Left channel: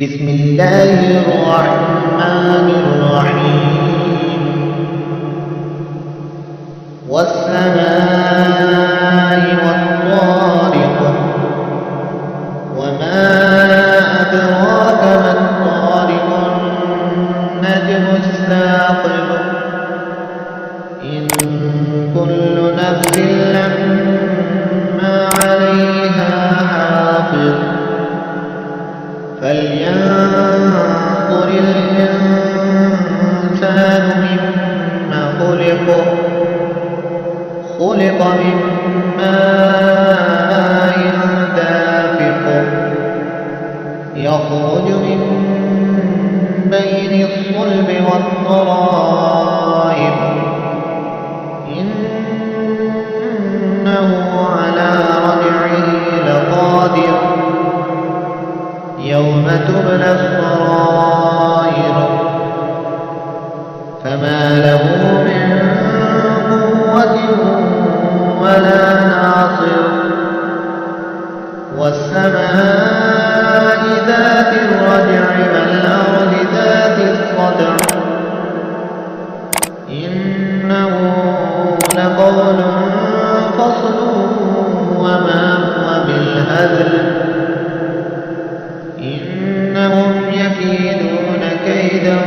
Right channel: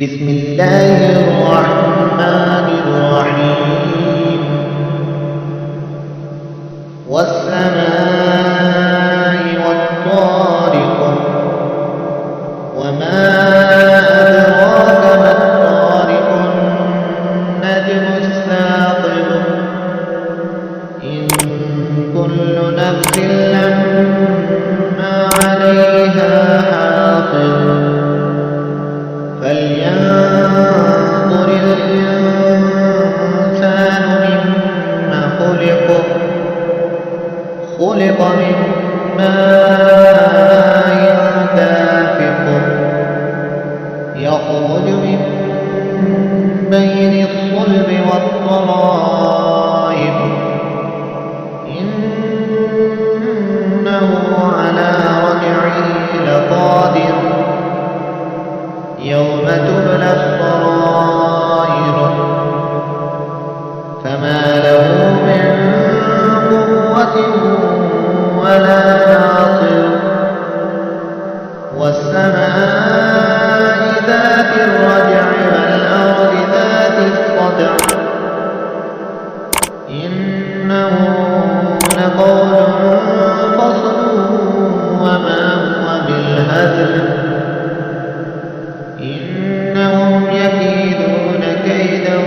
بسم الله الرحمن الرحيم والسماء والطارق وما أدراك ما الطارق النجم الثاقب إن كل نفس لما عليها حافظ فلينظر الإنسان مما خلق من ماء دافق يخرج من بين الصلب والترائب إنه على رجعه لقادر يوم تبلى السرائر فما له من قوة ولا ناصر والسماء ذات الرجع والأرض ذات الصدع إنه لقول فصل وما هو بالهزل إنهم يكيدون كيدا